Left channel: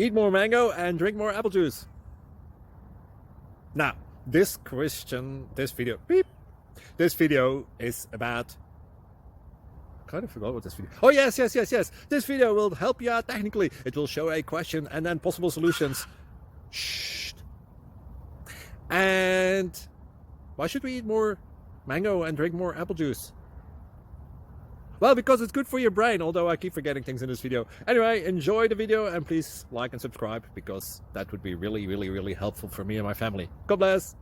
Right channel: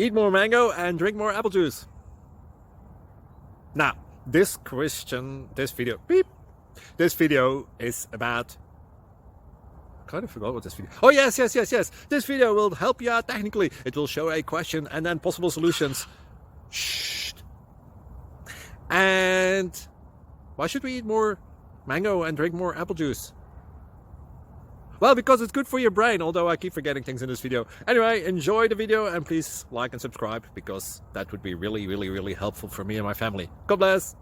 Eat more mango and drink more apple juice. Now, this video is about, I kind of forgot what this video. Oh, yes. This video will help you out technically. It will show a question and then possible solutions. Shh. And why should we eat more mango and drink more apple juice? Well, because it's good for your brain, although I keep forgetting things in this video. Anyway, enjoy the video and please like and subscribe, because that would be really helpful for me and my family. God bless!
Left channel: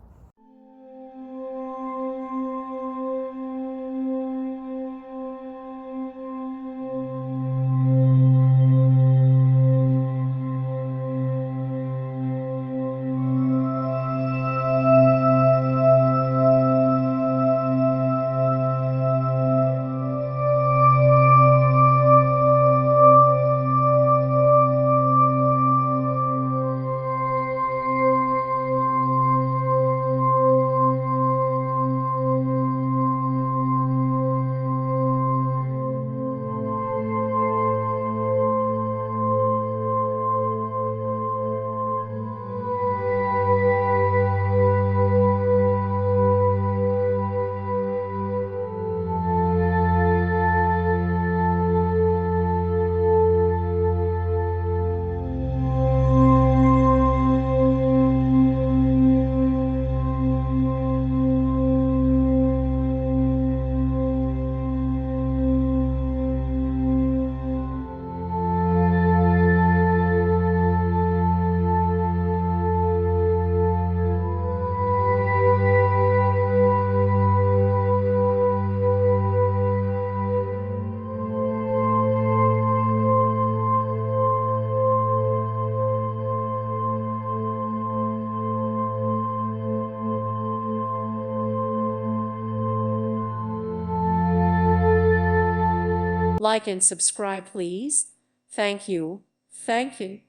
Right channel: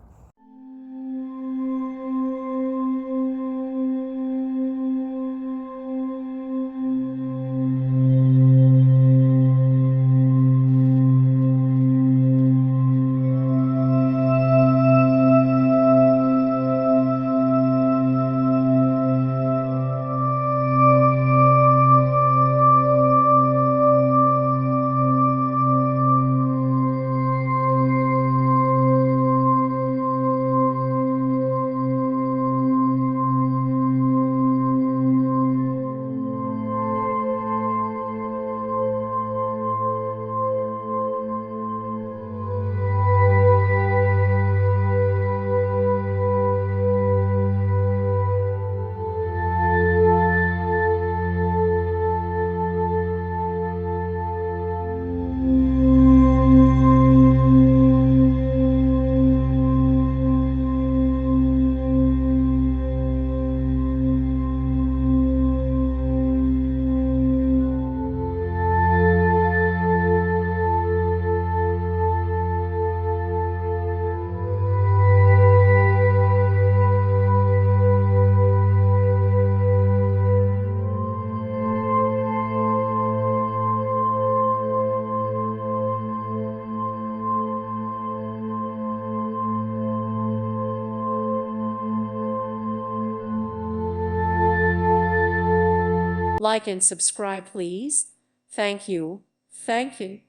Like and subscribe, please. Thank you. Thank you.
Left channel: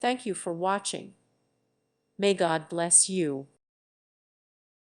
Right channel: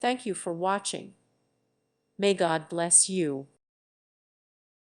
Thank you for watching. May God bless you.